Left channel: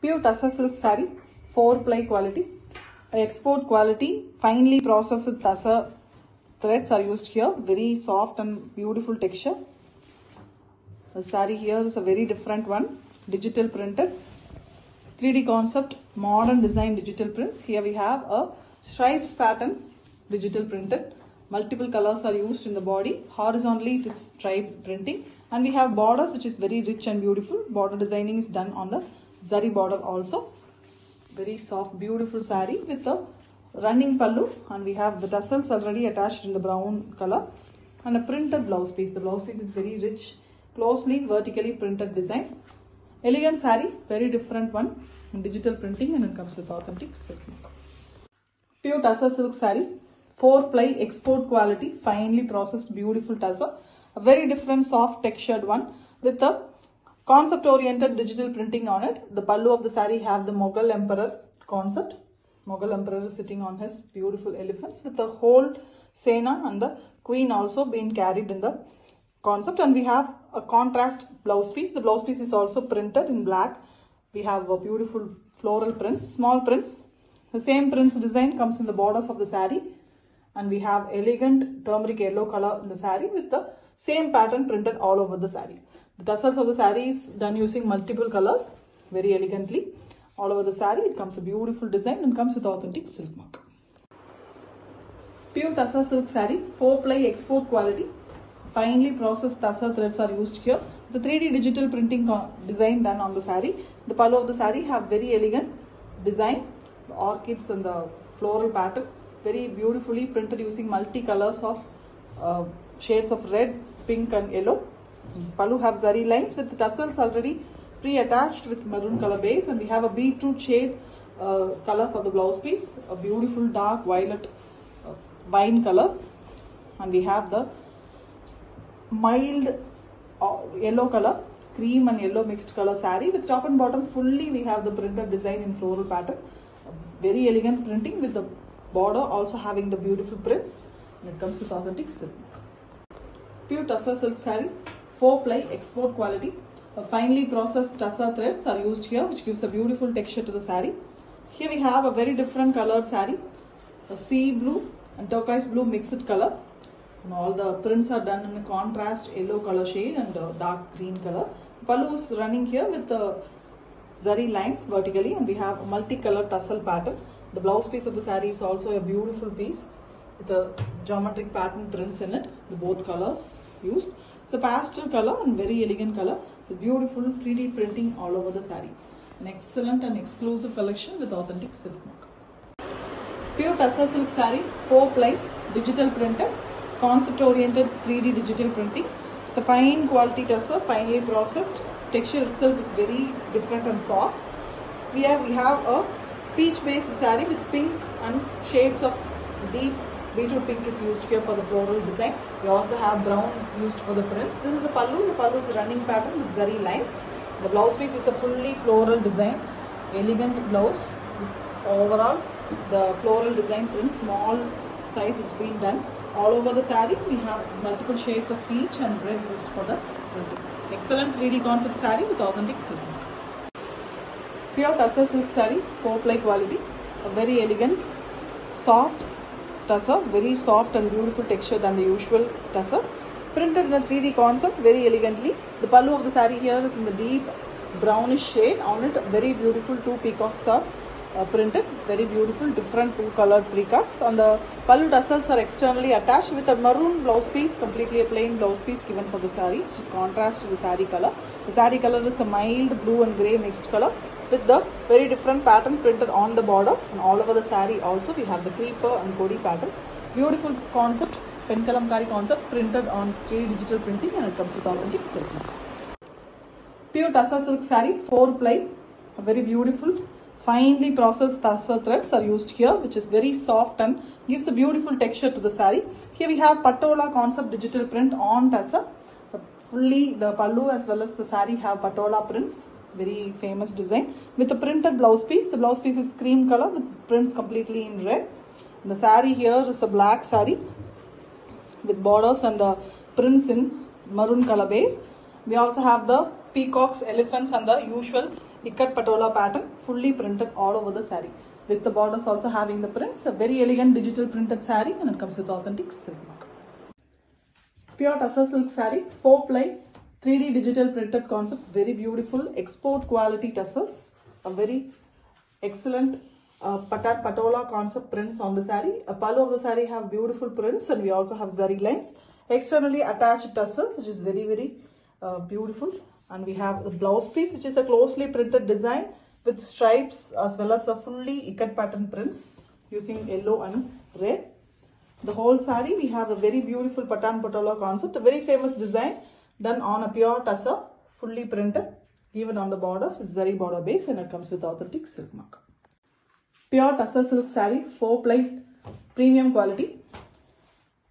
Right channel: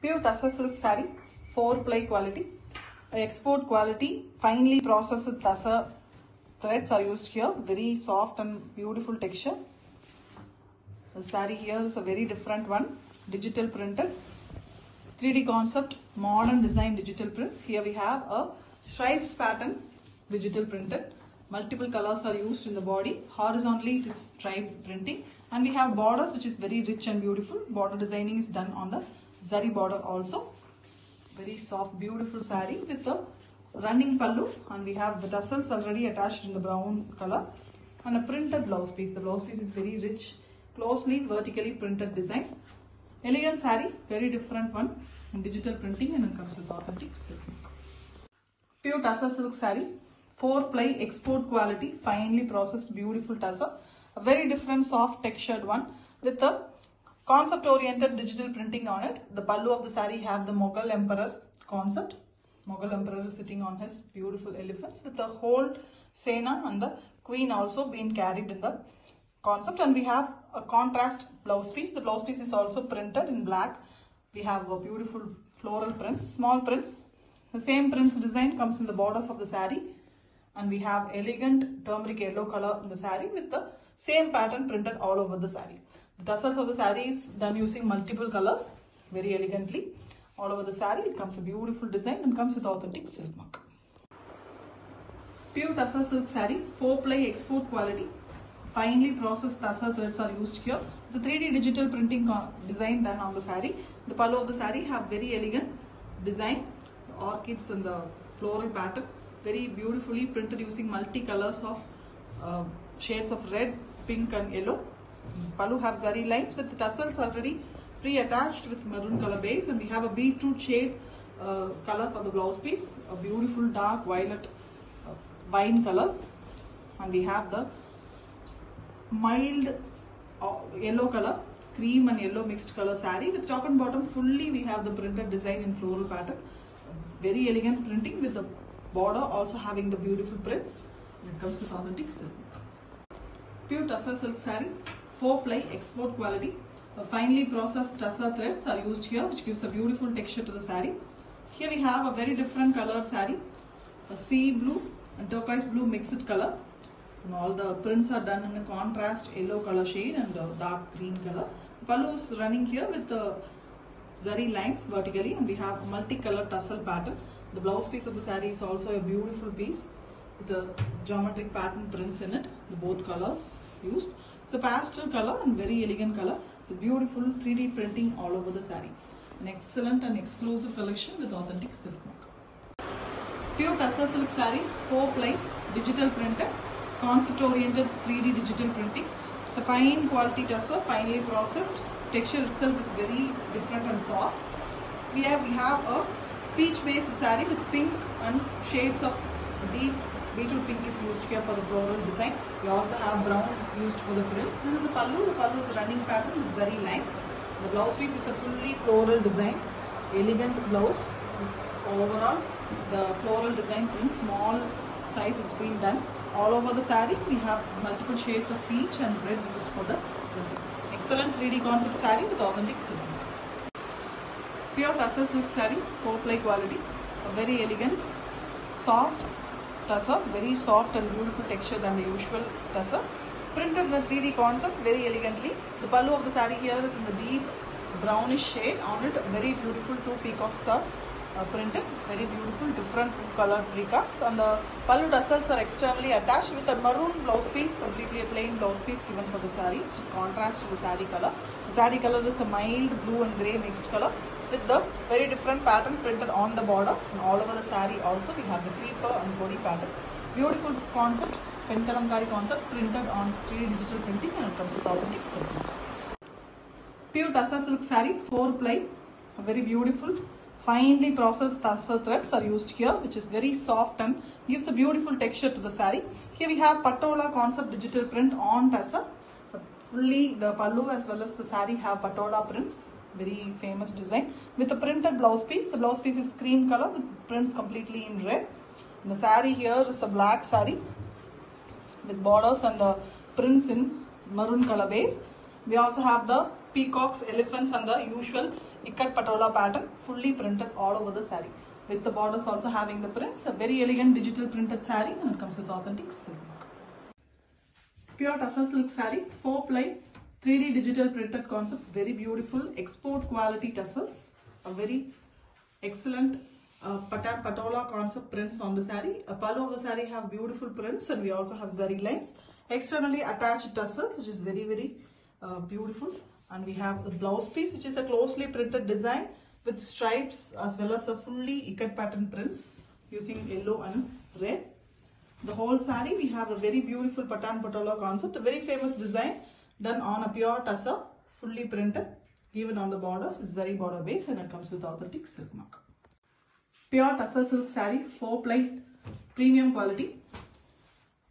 Pure Tussar silk saree, 4-ply quality, export quality, finely processed tussar threads are used here. Very soft and beautiful texture. The saree here is a very different one, digital printed, 3D concept, modern design digital prints. Here we have a stripes pattern, digital printed. Multiple colors are used in the body. Horizontally it is stripe printing, and we have borders which is very rich and beautiful. Border designing is done on the zari border also. Very soft, beautiful saree with the running pallu, and we have the tassels already attached in the brown color, and a printed blouse piece. The blouse piece is very rich, closely vertically printed design. Elegant saree, very different one in digital printing, and it comes with authentic silk look. Pure Tussar silk saree, 4-ply export quality, finely processed beautiful tussar. A very different soft textured one with the concept oriented digital printing on it. The pallu of the saree have the Mughal emperor concept. Mughal emperor is sitting on his beautiful elephants with the whole Sena and the queen also being carried in the concept, and we have a contrast blouse piece. The blouse piece is also printed in black. We have a beautiful floral prints, small prints. The same prints design comes in the borders of the saree, and we have elegant turmeric yellow color in the saree with the same pattern printed all over the saree. The tassels of the saree is done using multiple colors very elegantly. All over the saree it comes a beautiful design and comes with authentic silk mark. Pure Tussar silk saree, 4-ply export quality. Finely processed tussar threads are used here. The 3D digital printing design done on the saree. The pallu of the saree have very elegant design, the orchids and the floral pattern. Very beautifully printed using multi-colors of shades of red, pink and yellow. Pallu have zari lines with the tassels already pre-attached with maroon color base, and we have a beetroot shade color for the blouse piece. A beautiful dark violet wine color, and we have the mild yellow color, cream and yellow mixed color saree with top and bottom fully we have the printed design in floral pattern. Very elegant printing with the border also having the beautiful prints, and it comes with authentic silk. Pure Tussar silk saree, 4-ply export quality. Finely processed tussar threads are used here, which gives a beautiful texture to the saree. Here we have a very different colored saree, a sea blue and turquoise blue mixed color. And all the prints are done in a contrast yellow color shade and dark green color. The pallu is running here with the zari lines vertically, and we have a multicolored tussle pattern. The blouse piece of the saree is also a beautiful piece with a geometric pattern prints in it, the both colors used. It's a pastel color and very elegant color with beautiful 3D printing all over the saree. An excellent and exclusive collection with authentic silk mark. Pure Tussar silk saree, 4-ply digital printed, concept oriented 3D digital printing. It's a fine quality tussar, finely processed. Texture itself is very different and soft. We have a peach based saree with pink and shades of deep beetroot pink is used here for the floral design. We also have brown used for the prints. This is the pallu. The pallu is a running pattern with zari lines. The blouse piece is a fully floral design, elegant blouse. Overall, the floral design print, small size is being done. All over the saree, we have multiple shades of peach and red used for the printing. Excellent 3D concept saree with authentic silk. Pure Tussar silk saree, 4-ply quality. A very elegant, soft tussar, very soft and beautiful texture than the usual tussar. Printed in a 3D concept very elegantly. The pallu of the saree here is in the deep brownish shade. On it, very beautiful 2 peacocks are printed. Very beautiful, different 2 colored peacocks. And the pallu tassels are externally attached with a maroon blouse piece, completely a plain blouse piece given for the saree, which is contrast to the saree color. The saree color is a mild blue and grey mixed color with the very different pattern printed on the border, and all over the saree also we have the creeper and kodi pattern. Beautiful concept, penkalamkari concept printed on 3D digital printing, and it comes with authentic silk. Pure Tussar silk saree, 4-ply, very beautiful, finely processed tussar threads are used here, which is very soft and gives a beautiful texture to the saree. Here we have patola concept digital print on tussar. Fully the pallu as well as the saree have patola prints. Very famous design with a printed blouse piece. The blouse piece is cream color with prints completely in red. And the saree here is a black saree with borders and the prints in maroon color base. We also have the peacocks, elephants and the usual ikat patola pattern, fully printed all over the saree. With the borders also having the prints, a very elegant digital printed saree, and it comes with authentic silk mark. Pure tussar silk saree, 4-ply, 3D digital printed concept, very beautiful, export quality tussars, a very excellent patola concept prints on the saree. A pallu of the saree have beautiful prints, and we also have zari lines. Externally attached tussars, which is very beautiful, and we have the blouse piece, which is a closely printed design with stripes as well as a fully ikat pattern prints using yellow and red. The whole saree we have a very beautiful patan patola concept, a very famous design done on a pure tussar, fully printed, even on the borders with zari border base, and it comes with authentic silk mark. Pure tussar silk saree, 4-ply, premium quality,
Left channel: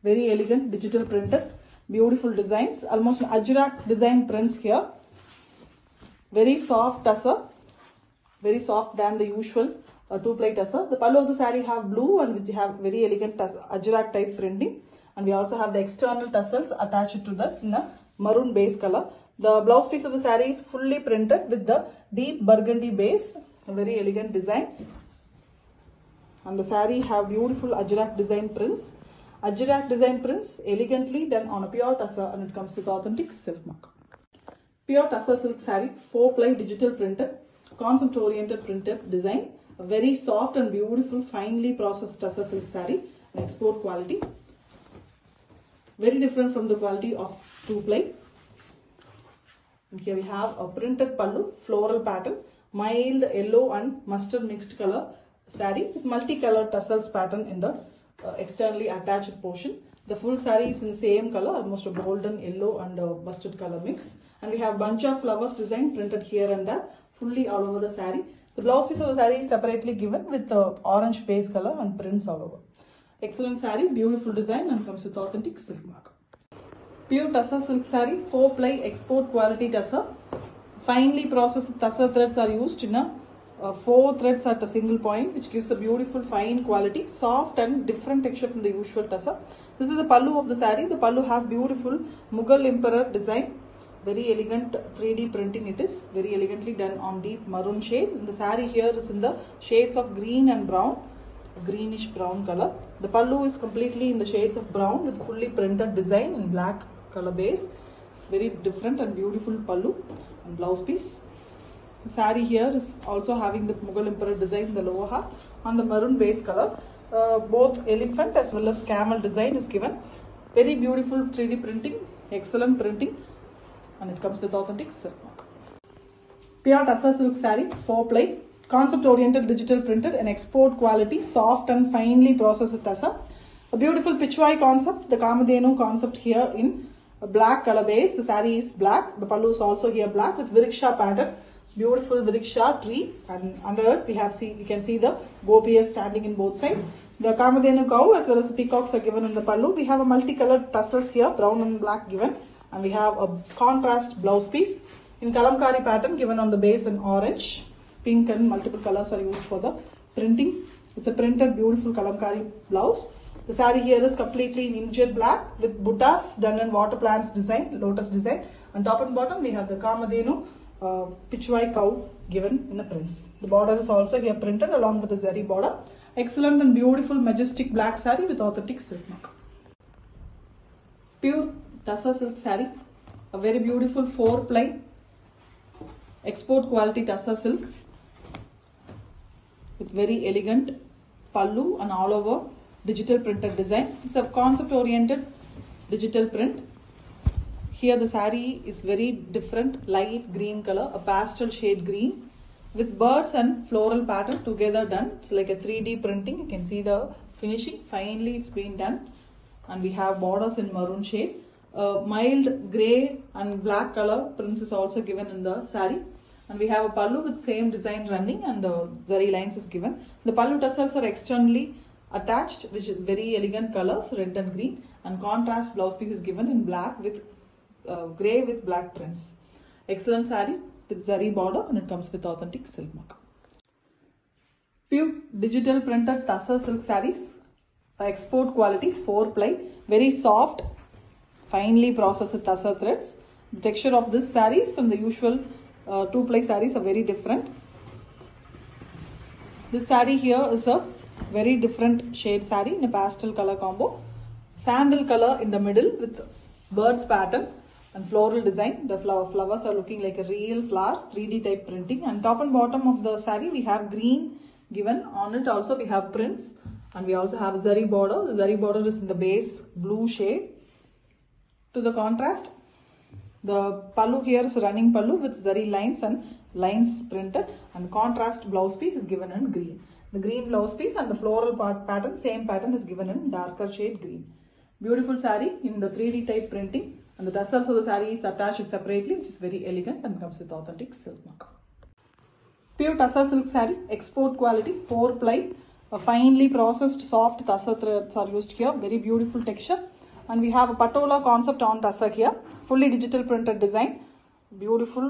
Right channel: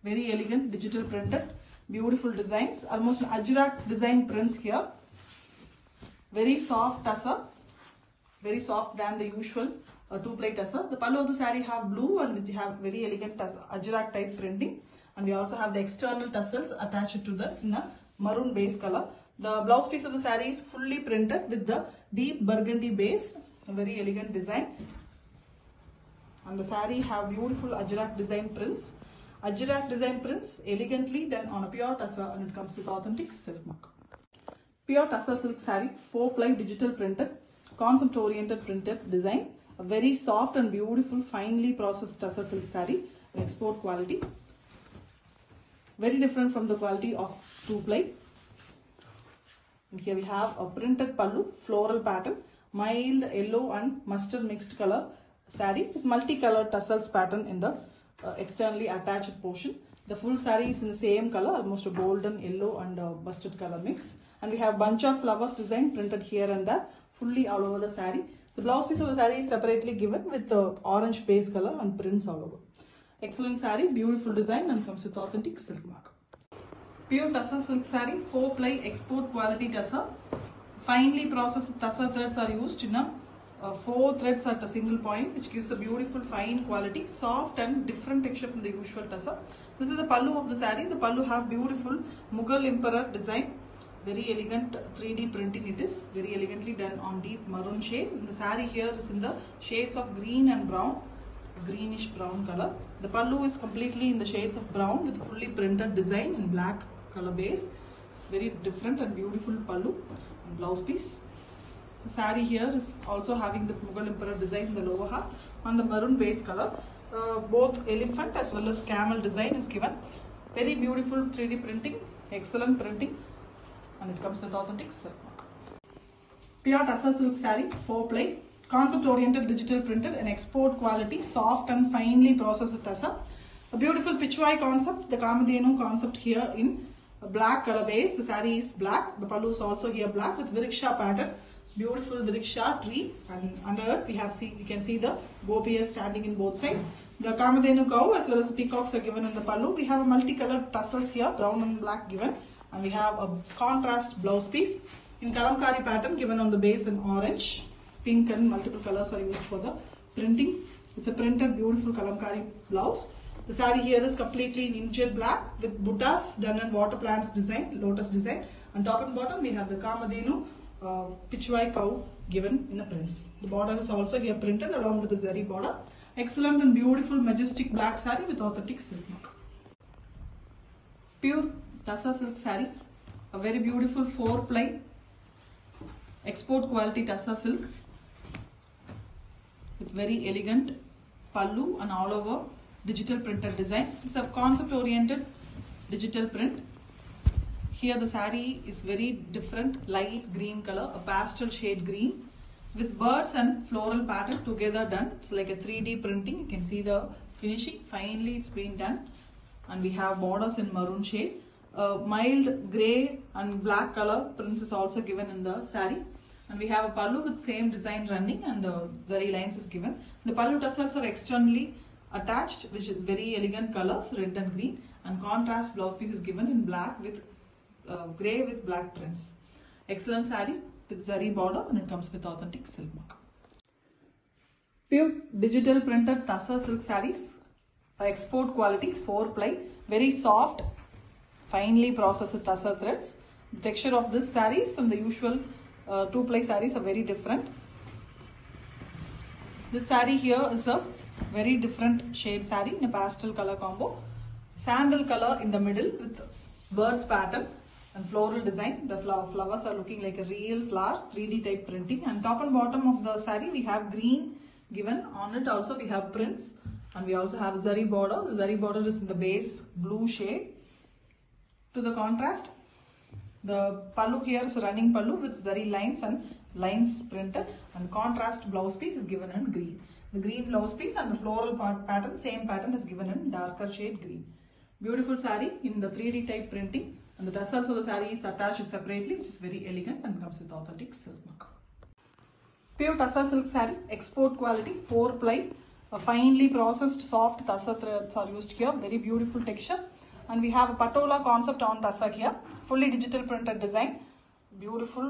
very elegant, digital printed, beautiful designs, almost an ajrak design prints here. Very soft tussar, very soft than the usual 2-ply tussar. The pallu of the saree have blue, and we have very elegant ajrak type printing, and we also have the external tassels attached to that in a maroon base color. The blouse piece of the saree is fully printed with the deep burgundy base, a very elegant design, and the saree have beautiful ajrak design prints. Ajrak design prints elegantly done on a pure tussar, and it comes with authentic silk mark. Pure tussar silk saree, 4-ply digital printed, concept oriented printed design, a very soft and beautiful finely processed tussar silk saree, export quality, very different from the quality of 2-ply. And here we have a printed pallu, floral pattern, mild yellow and mustard mixed color saree with multicolored tassels pattern in the externally attached portion. The full saree is in the same color, almost a golden yellow and mustard color mix. And we have bunch of flowers design printed here and there, fully all over the saree. The blouse piece of the saree is separately given with the orange base color and prints all over. Excellent saree, beautiful design, and comes with authentic silk mark. Pure tussar silk saree, 4-ply export quality tussar. Finely processed tussar threads are used in a 4 threads at a single point, which gives a beautiful fine quality, soft and different texture from the usual tussar. This is the pallu of the saree. The pallu have beautiful Mughal emperor design. Very elegant 3D printing it is, very elegantly done on deep maroon shade. The saree here is in the shades of green and brown, greenish brown color. The pallu is completely in the shades of brown with fully printed design in black color base. Very different and beautiful pallu and blouse piece. The saree here is also having the Mughal emperor design in the lower half on the maroon base color. Both elephant as well as camel design is given. Very beautiful 3D printing, excellent printing, and it comes with authentic silk mark. Pure tussar silk saree, 4-ply, concept oriented digital printed and export quality, soft and finely processed tussar. A beautiful pitchwai concept, the Kamadhenu concept here in a black color base. The saree is black, the pallu is also here black with Vriksha pattern. Beautiful Vriksha tree, and under it we can see the gopiyas standing in both sides. The Kamadhenu cow as well as the peacocks are given in the pallu. We have a multicolored tassels here, brown and black given. And we have a contrast blouse piece in kalamkari pattern given on the base in orange, pink, and multiple colors are used for the printing. It's a printed beautiful kalamkari blouse. The saree here is completely in injet black with buttas done in water plants design, lotus design. On top and bottom we have the Kamadhenu pitchwai cow given in the prints. The border is also here printed along with the zari border. Excellent and beautiful majestic black saree with authentic silk mark. Pure tussar silk saree, a very beautiful 4-ply export quality tussar silk with very elegant pallu and all over digital printed design. It's a concept oriented digital print. Here the saree is very different, light green color, a pastel shade green with birds and floral pattern together done. It's like a 3D printing. You can see the finishing, finely it's been done, and we have borders in maroon shade. Mild grey and black color prints is also given in the saree, and we have a pallu with same design running, and the zari lines is given. The pallu tassels are externally attached, which is very elegant colors, red and green, and contrast blouse piece is given in black with grey with black prints. Excellent saree with zari border, and it comes with authentic silk mark. Pure digital printed tussar silk sarees, export quality, 4-ply, very soft, finely processed tussar threads. The texture of this saree is from the usual 2-ply sarees are very different. This saree here is a very different shade saree in a pastel color combo. Sandal color in the middle with birds pattern and floral design. The flowers are looking like a real flowers, 3D type printing. And top and bottom of the saree we have green given. On it also we have prints, and we also have zari border. The zari border is in the base blue shade. To the contrast, the pallu here is running pallu with zari lines and lines printed, and contrast blouse piece is given in green. The green blouse piece and the floral pattern, same pattern is given in darker shade green. Beautiful saree in the 3D type printing, and the tassels of the saree is attached separately, which is very elegant and comes with authentic silk mark. Pure tussar silk saree, export quality, 4-ply, finely processed soft tussar threads are used here, very beautiful texture. And we have a patola concept on tussar here, fully digital printed design, beautiful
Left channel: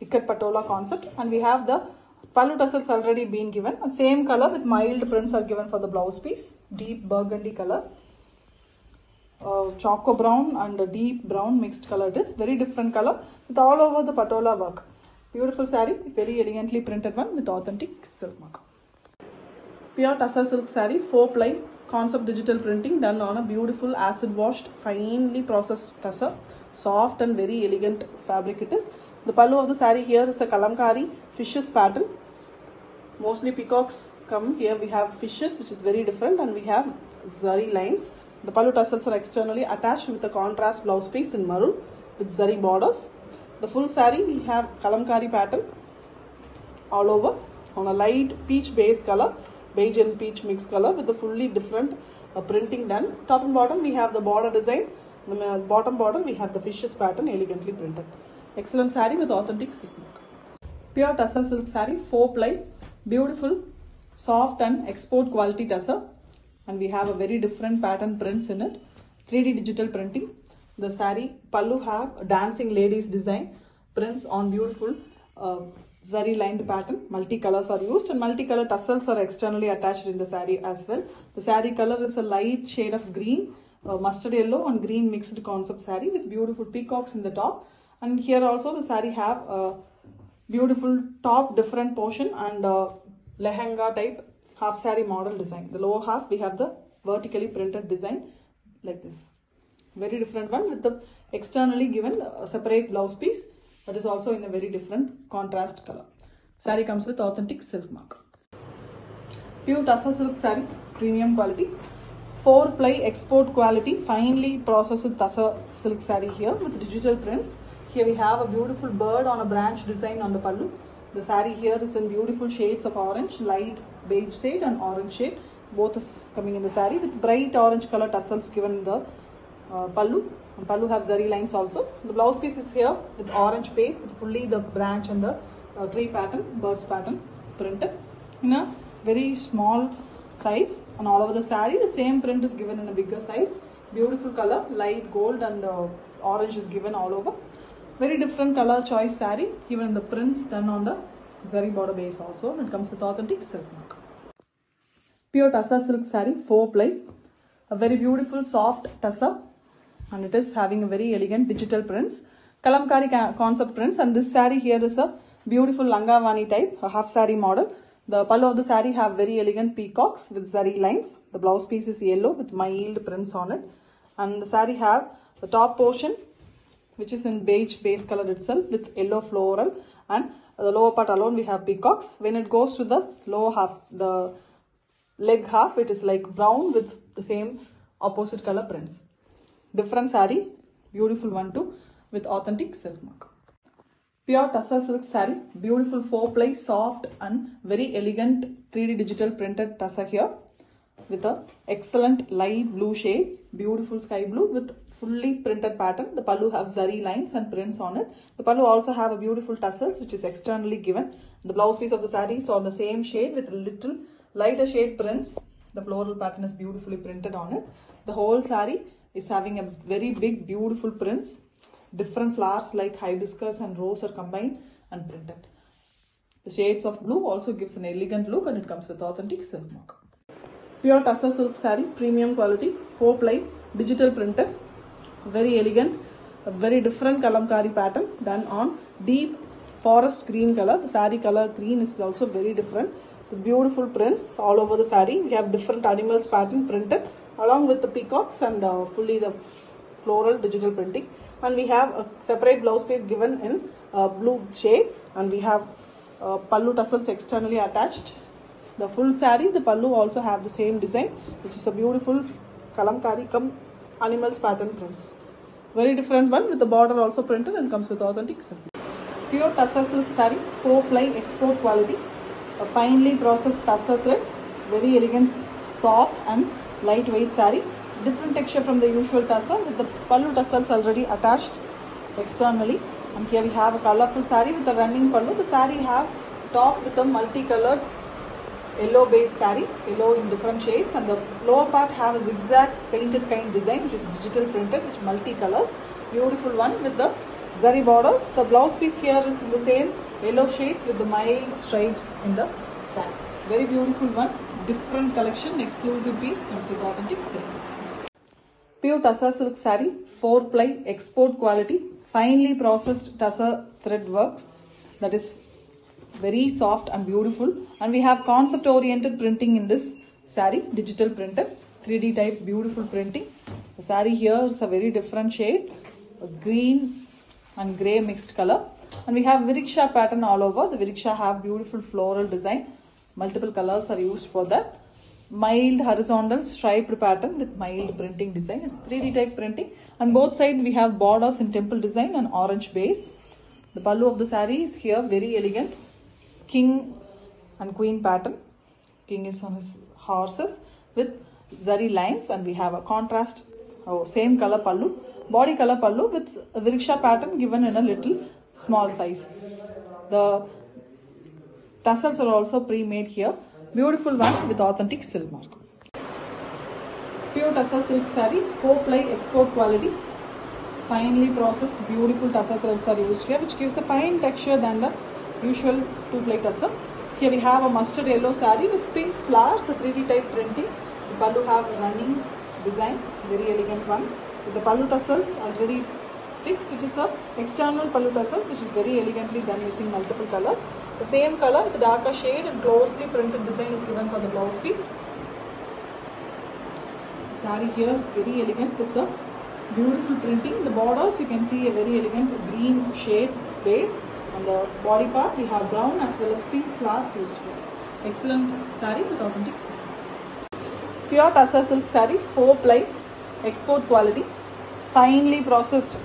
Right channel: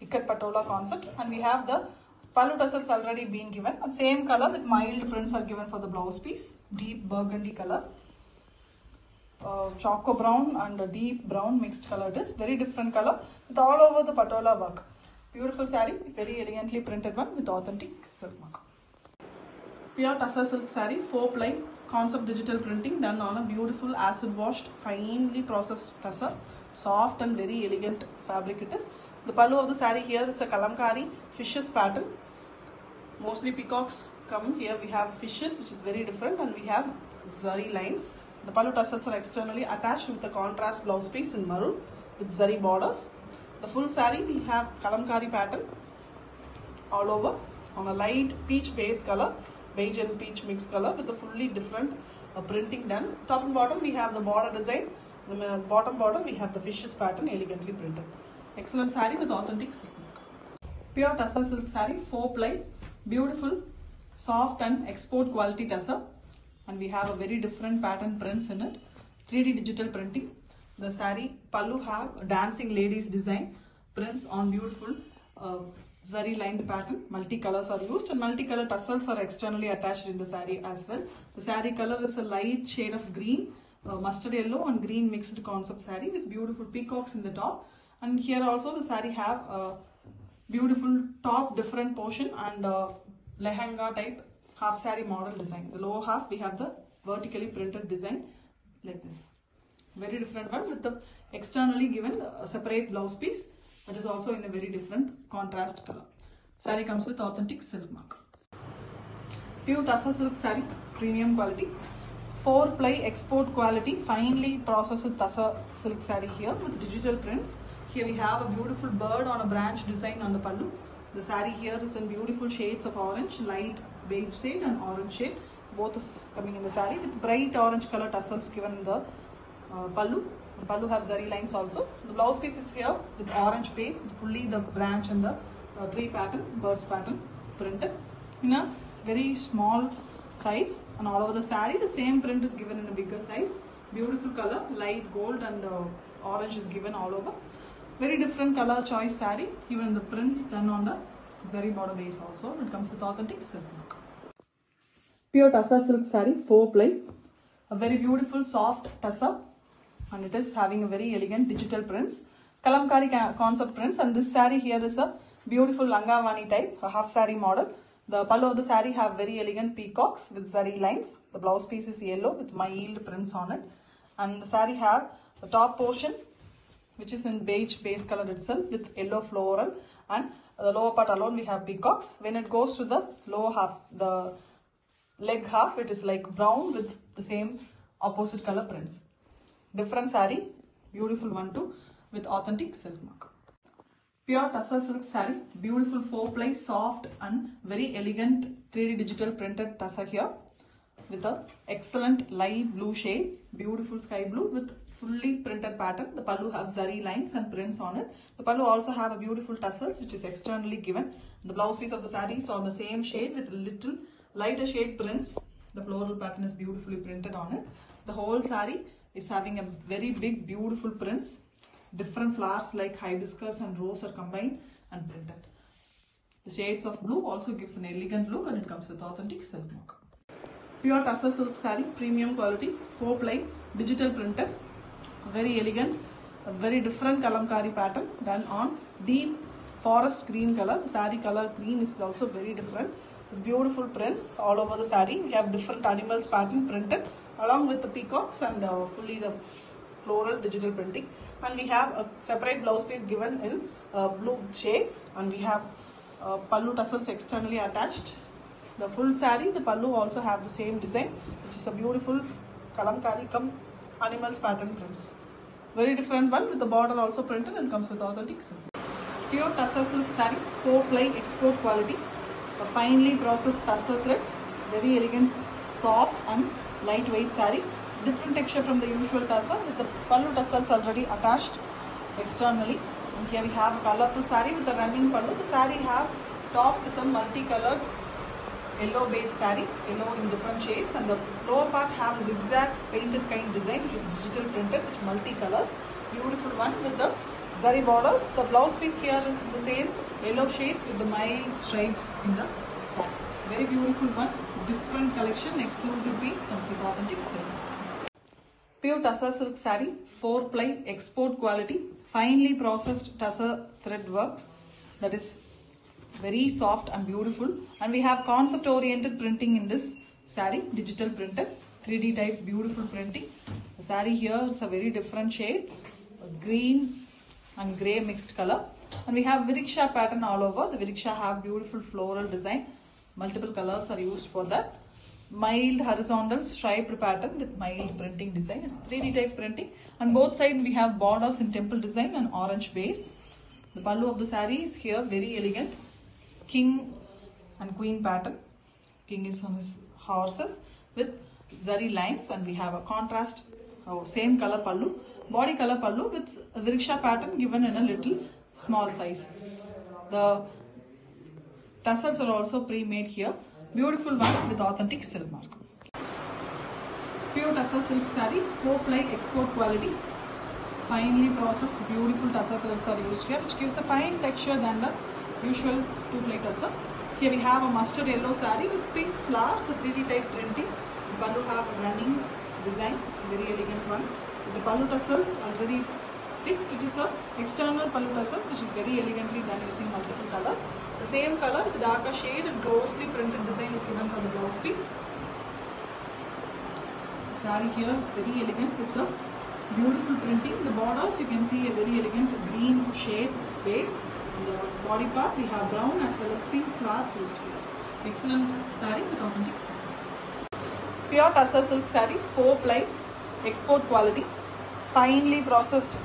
ikat patola concept. And we have the pallu tassels already been given, same color with mild prints are given for the blouse piece, deep burgundy color. Choco brown and a deep brown mixed color. It is very different color with all over the patola work. Beautiful saree, very elegantly printed one with authentic silk mark. Pure tussar silk saree, 4-ply concept digital printing done on a beautiful acid washed finely processed tussar. Soft and very elegant fabric it is. The pallu of the saree here is a kalamkari fishes pattern. Mostly peacocks come here. We have fishes, which is very different, and we have zari lines. The pallu tassels are externally attached with a contrast blouse piece in maroon with zari borders. The full saree we have kalamkari pattern all over on a light peach base color, beige and peach mixed color with a fully different printing done. Top and bottom we have the border design. The bottom border we have the fishes pattern elegantly printed. Excellent saree with authentic silk mark. Pure tussar silk saree, 4-ply, beautiful, soft and export quality tussar. And we have a very different pattern prints in it, 3D digital printing. The saree pallu have dancing ladies design, prints on beautiful zari lined pattern. Multicolors are used, and multicolor tassels are externally attached in the saree as well. The saree color is a light shade of green, mustard yellow and green mixed concept saree with beautiful peacocks in the top. And here also the saree have a beautiful top different portion and lehenga type half saree model design. The lower half we have the vertically printed design like this. Very different one with the externally given separate blouse piece that is also in a very different contrast color. Saree comes with authentic silk mark. Pure tussar silk saree, premium quality, 4-ply export quality, finely processed tussar silk saree here with digital prints. Here we have a beautiful bird on a branch design on the pallu. The saree here is in beautiful shades of orange, light beige shade and orange shade. Both is coming in the saree with bright orange color tassels given in the pallu. Pallu have zari lines also. The blouse piece is here with orange base with fully the branch and the tree pattern, birds pattern printed in a very small size. And all over the saree the same print is given in a bigger size. Beautiful color, light gold and orange is given all over. Very different color choice saree, even the prints done on the zari border base also. It comes with authentic silk mark. Pure tussar silk saree, 4-ply, a very beautiful soft tussar, and it is having a very elegant digital prints, kalamkari concept prints. And this saree here is a beautiful langavani type, a half saree model. The pallu of the saree have very elegant peacocks with zari lines. The blouse piece is yellow with mild prints on it, and the saree have the top portion which is in beige base color itself with yellow floral, and the lower part alone we have peacocks. When it goes to the lower half, the leg half, it is like brown with the same opposite color prints. Different saree, beautiful one too with authentic silk mark. Pure tussar silk saree, beautiful 4-ply, soft and very elegant 3D digital printed tussar here with a excellent light blue shade, beautiful sky blue with fully printed pattern. The pallu have zari lines and prints on it. The pallu also have a beautiful tassels which is externally given. The blouse piece of the saree is on the same shade with little lighter shade prints. The floral pattern is beautifully printed on it. The whole saree is having a very big beautiful prints. Different flowers like hibiscus and rose are combined and printed. The shades of blue also gives an elegant look, and it comes with authentic silk mark. Pure tussar silk saree, premium quality, 4-ply, digital printed. Very elegant, a very different kalamkari pattern done on deep forest green color. The saree color green is also very different. With beautiful prints all over the saree. We have different animals pattern printed along with the peacocks and fully the floral digital printing. And we have a separate blouse piece given in blue shade, and we have pallu tassels externally attached. The full saree, the pallu also have the same design, which is a beautiful kalamkari come animals pattern prints. Very different one with the border also printed and comes with authentic silk. Pure tussar silk saree, 4-ply export quality, a finely processed tussar threads, very elegant, soft and lightweight saree. Different texture from the usual tussar with the pallu tassels already attached externally. And here we have a colorful saree with a running pallu. The saree have top with a multicolored yellow base saree, yellow in different shades, and the lower part have a zigzag painted kind design which is digital printed with multicolors. Beautiful one with the zari borders. The blouse piece here is in the same yellow shades with the mild stripes in the saree. Very beautiful one, different collection, exclusive piece, comes with authentic silk. Pure tussar silk saree, 4-ply export quality, finely processed tussar thread works, that is very soft and beautiful. And we have concept oriented printing in this saree, digital printed, 3D type beautiful printing. The saree here is a very different shade, green and grey mixed color. And we have Viriksha pattern all over. The Viriksha have beautiful floral design. Multiple colors are used for that. Mild horizontal striped pattern with mild printing design. It's 3D type printing. On both sides we have borders in temple design and orange base. The pallu of the saree is here very elegant. King and queen pattern. King is on his horses with zari lines, and we have a contrast, same color pallu. Body color pallu with a Viriksha pattern given in a little small size. The tassels are also pre-made here. Beautiful one with authentic silk mark. Pure tussar silk saree, 4-ply export quality. Finely processed beautiful tussar threads are used here, which gives a fine texture than the usual 2-ply tussar. Here we have a mustard yellow saree with pink flowers, a 3D type printing. The pallu have a running design, very elegant one. With the pallu tassels already fixed, it is a external pallu tassels which is very elegantly done using multiple colors. The same color with darker shade and closely printed design is given for the blouse piece. The saree here is very elegant with the beautiful printing. The borders you can see a very elegant green shade base. On the body part we have brown as well as pink flowers used here. Excellent saree with authentic silk. Pure tussar silk saree, 4-ply export quality. Finely processed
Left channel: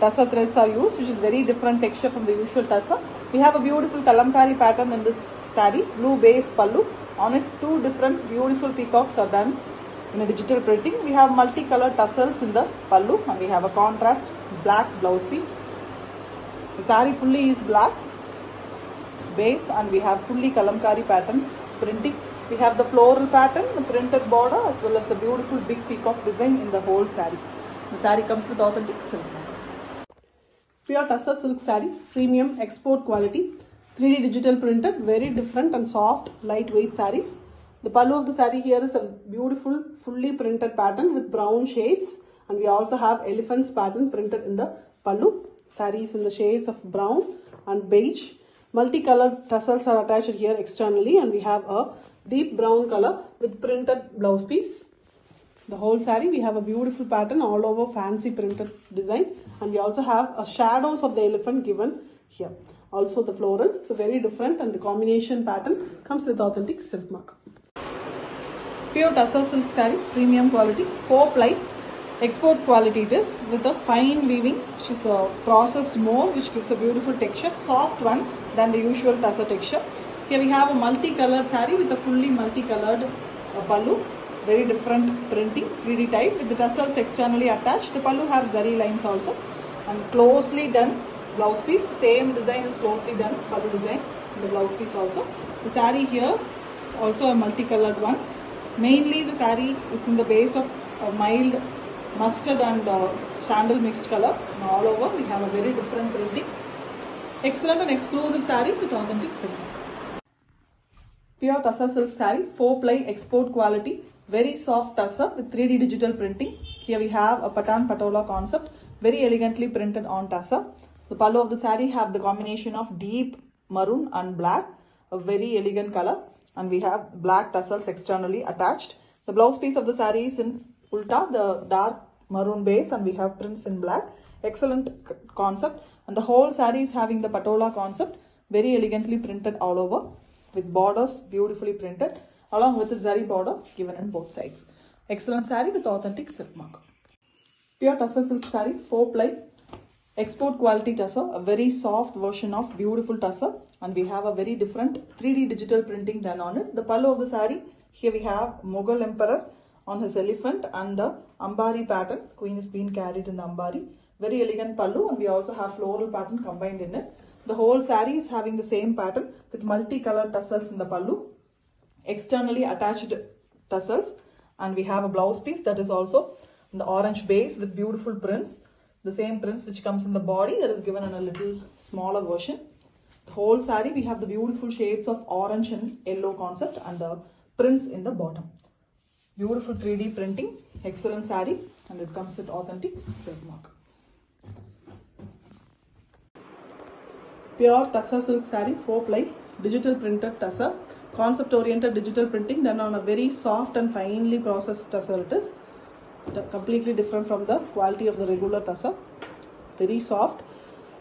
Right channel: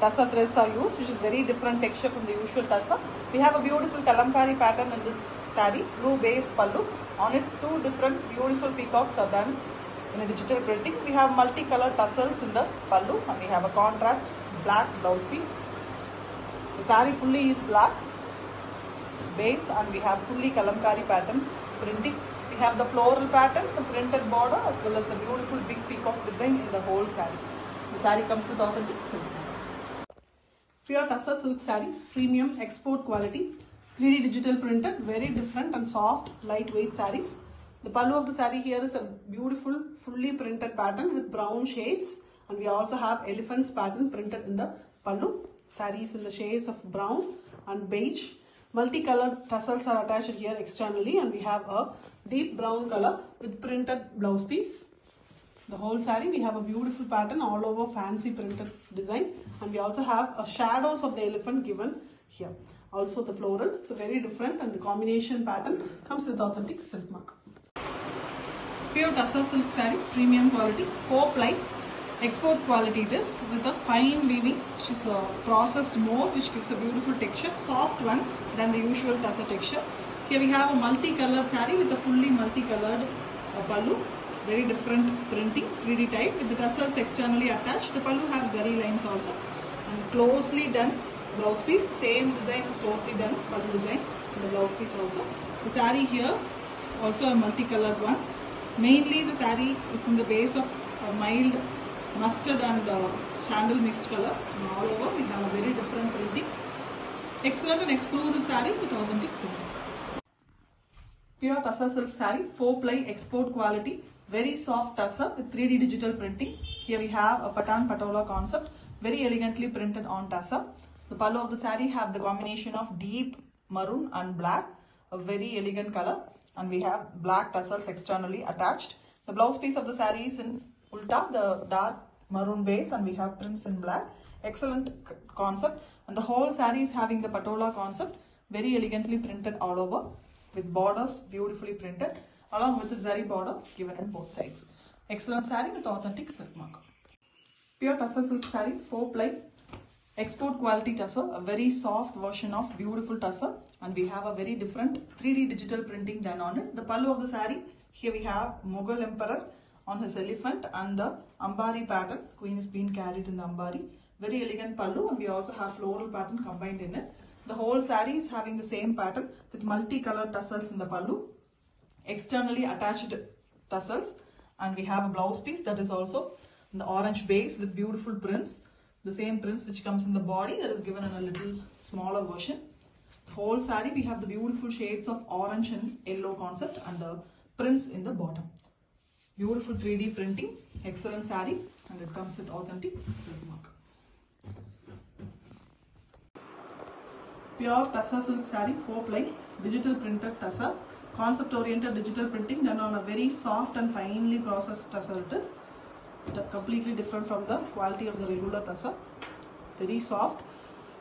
tussar threads are used, which is very different texture from the usual tussar. We have a beautiful kalamkari pattern in this saree, blue base pallu. On it 2 different beautiful peacocks are done in a digital printing. We have multicolored tassels in the pallu, and we have a contrast black blouse piece. The saree fully is black base, and we have fully kalamkari pattern printing. We have the floral pattern, the printed border, as well as a beautiful big peacock design in the whole saree. The saree comes with authentic silk. Pure tussar silk saree, premium export quality, 3D digital printed, very different and soft, lightweight sarees. The pallu of the saree here is a beautiful, fully printed pattern with brown shades, and we also have elephants pattern printed in the pallu. Sarees in the shades of brown and beige. Multicolored tassels are attached here externally, and we have a deep brown color with printed blouse piece. The whole saree we have a beautiful pattern all over, fancy printed design, and we also have a shadows of the elephant given here. Also the florals, it's a very different, and the combination pattern comes with authentic silk mark. Pure tussar silk saree, premium quality, 4-ply export quality it is, with a fine weaving, which is a processed more, which gives a beautiful texture, soft one than the usual tussar texture. Here we have a multicolored saree with a fully multicolored pallu, very different printing, 3D type with the tassels externally attached. The pallu have zari lines also, and closely done blouse piece, same design is closely done, pallu design in the blouse piece also. The saree here is also a multicolored one. Mainly the saree is in the base of a mild mustard and sandal mixed color, and all over we have a very different printing. Excellent and exclusive saree with authentic silk. Pure tussar silk saree, 4-ply export quality, very soft tussar with 3D digital printing. Here we have a patan patola concept, very elegantly printed on tussar. The pallu of the saree have the combination of deep maroon and black, a very elegant color, and we have black tassels externally attached. The blouse piece of the saree is in ulta, the dark maroon base, and we have prints in black. Excellent concept, and the whole saree is having the patola concept, very elegantly printed all over with borders beautifully printed along with the zari border given on both sides. Excellent saree with authentic silk mark. Pure tussar silk saree, 4-ply, export quality tussar, a very soft version of beautiful tussar, and we have a very different 3D digital printing done on it. The pallu of the saree, here we have Mughal emperor on his elephant and the ambari pattern. Queen is being carried in the ambari. Very elegant pallu, and we also have floral pattern combined in it. The whole saree is having the same pattern with multicolored tassels in the pallu, externally attached tassels, and we have a blouse piece that is also in the orange base with beautiful prints. The same prints which comes in the body that is given in a little smaller version. The whole saree we have the beautiful shades of orange and yellow concept and the prints in the bottom. Beautiful 3D printing, excellent saree, and it comes with authentic silk mark. Pure tussar silk saree, 4-ply, digital printed tussar, concept oriented digital printing done on a very soft and finely processed tussar it is. Completely different from the quality of the regular tussar, very soft.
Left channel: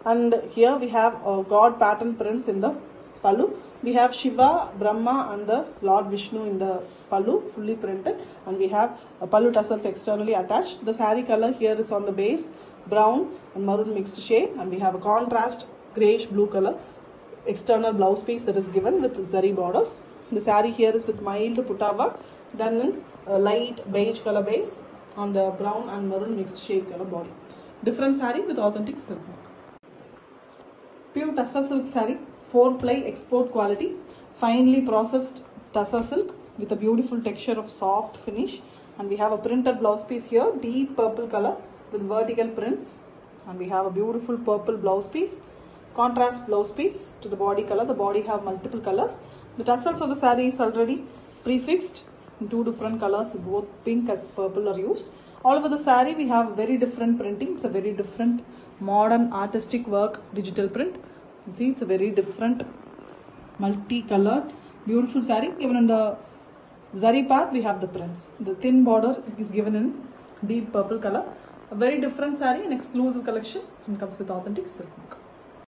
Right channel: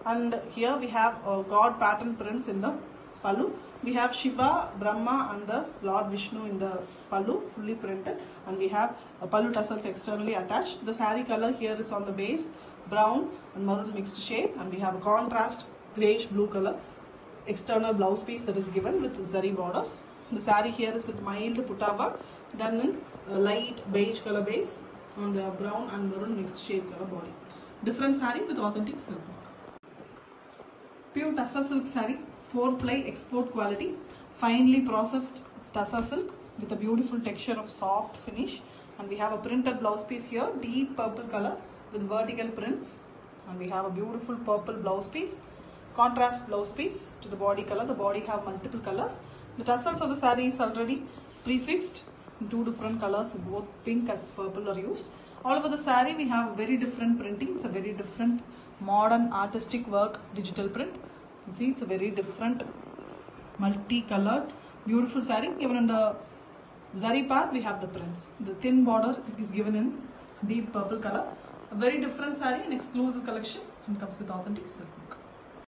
And here we have god pattern prints in the pallu. We have Shiva, Brahma and the Lord Vishnu in the pallu, fully printed, and we have pallu tassels externally attached. The saree color here is on the base, brown and maroon mixed shade, and we have a contrast greyish blue color external blouse piece that is given with zari borders. The saree here is with mild putta work done in a light beige color base on the brown and maroon mixed shade color body. Different saree with authentic silk mark. Pure tussar silk saree, 4-ply export quality, finely processed tussar silk with a beautiful texture of soft finish, and we have a printed blouse piece here, deep purple color with vertical prints, and we have a beautiful purple blouse piece, contrast blouse piece to the body color. The body have multiple colors. The tassels of the saree is already prefixed in 2 different colors, both pink as purple are used. All over the saree we have very different printing. It's a very different modern artistic work digital print. You can see it's a very different multi-colored beautiful saree. Even in the zari part we have the prints. The thin border is given in deep purple color. A very different saree, an exclusive collection, and comes with authentic silk mark.